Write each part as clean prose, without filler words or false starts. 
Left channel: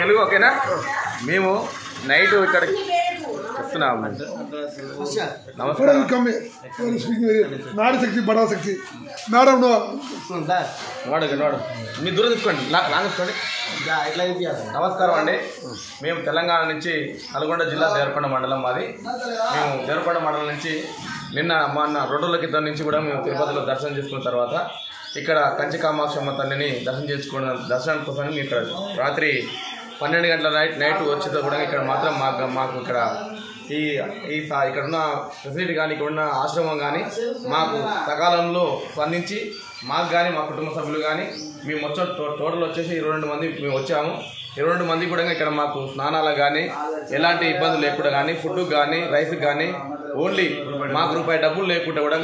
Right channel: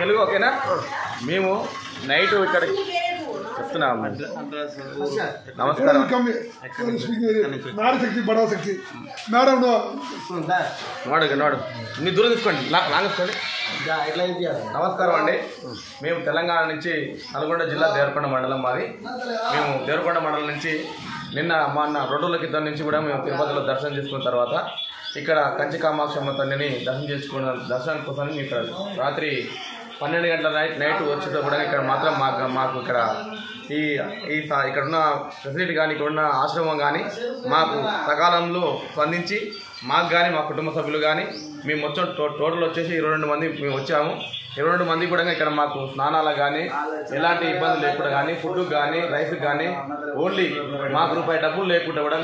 తెలుగు ఓకేనా? మేము నైట్ ఇక్కడ చెప్తున్నాం. నమస్కారం. శక్తి మేడం మీ దూరం తీసుకోండి, లాగేసుకోండి. నమస్కారం అండి. మేము తెలంగాణ నుంచి నల్గొండ జిల్లా దేవరకొండ మండలం మాది. మేము దేవరకొండ మండలం నుంచి మొన్న 2 రోజుల క్రితం నుంచి కూడా మేము తిరుపతిలో దర్శనం చేసుకున్న తర్వాత ఇక్కడ కంచి కామాక్షమ్మ తల్లిని దర్శనం కోసం ఇక్కడ రాత్రి 12 గంటల నైట్ వచ్చేతో కూడా ఇక్కడ మాత్రం మాకు ఇక్కడ ఇక్కడ ఉన్న ఫెసిలిటీ కానీ ఇక్కడ ఉన్న ఆశ్రమం కానీ మాకు సకాలంలో స్పందించి మాకు కానీ మా కుటుంబ సభ్యులు కానీ మేము వచ్చాం. టోటల్ వచ్చేసి 22 మంది మేము వచ్చాము. 22 మంది కూడా ఇక్కడ మాకు స్నానాలకు కానీ ఎలాంటి ఇబ్బందులు లేకుండా కానీ ఫుడ్ కానీ రైస్కి కానీ ఓన్లీ మాకు రూపాయి డబ్బులు లేకుండా కూడా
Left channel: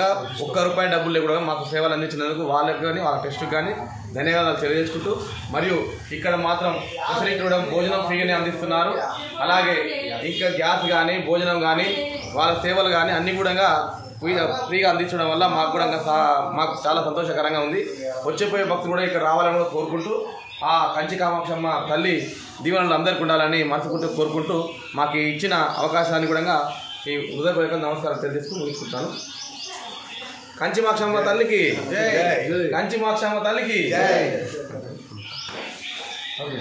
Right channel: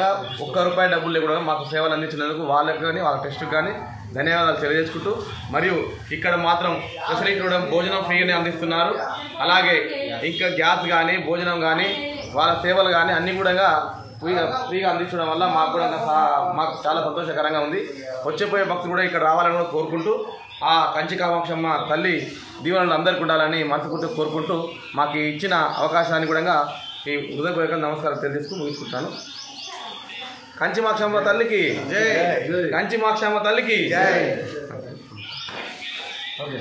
₹1 డబ్బులు లేకుండా మాకు సేవలు అందించినందుకు వాళ్ళకి కానీ వాళ్ళ టెస్ట్కి కానీ ధన్యవాదాలు తెలియజేసుకుంటూ, మరియు ఇక్కడ మాత్రం ఫెసిలిటీ కూడా భోజనం ఫ్రీగానే అందిస్తున్నారు. అలాగే ఇంకా గ్యాస్ కానీ భోజనం కానీ వాళ్ళ సేవలు కానీ అన్నీ కూడా ఫ్రీగా అందించడం వల్ల మాకు చాలా సంతోషకరంగా ఉంది. వచ్చేపోయే భక్తులు కూడా ఇక్కడ రావాలని కూడా కోరుకుంటూ ఆ కంచి కామాక్షమ్మ తల్లి దీవెనలు అందరికీ ఉండాలని మనసుకుంటూ కోరుకుంటూ మాకు ఇచ్చిన అవకాశాన్ని కూడా ఈ హృదయపూర్వక నమస్కారం తెలియజేసుకుని ముగించుకుంటాను. కంచి కామాక్షమ్మ తల్లికి జై. కంచి కామాక్షమ్మ తల్లికి జై. ఓకే.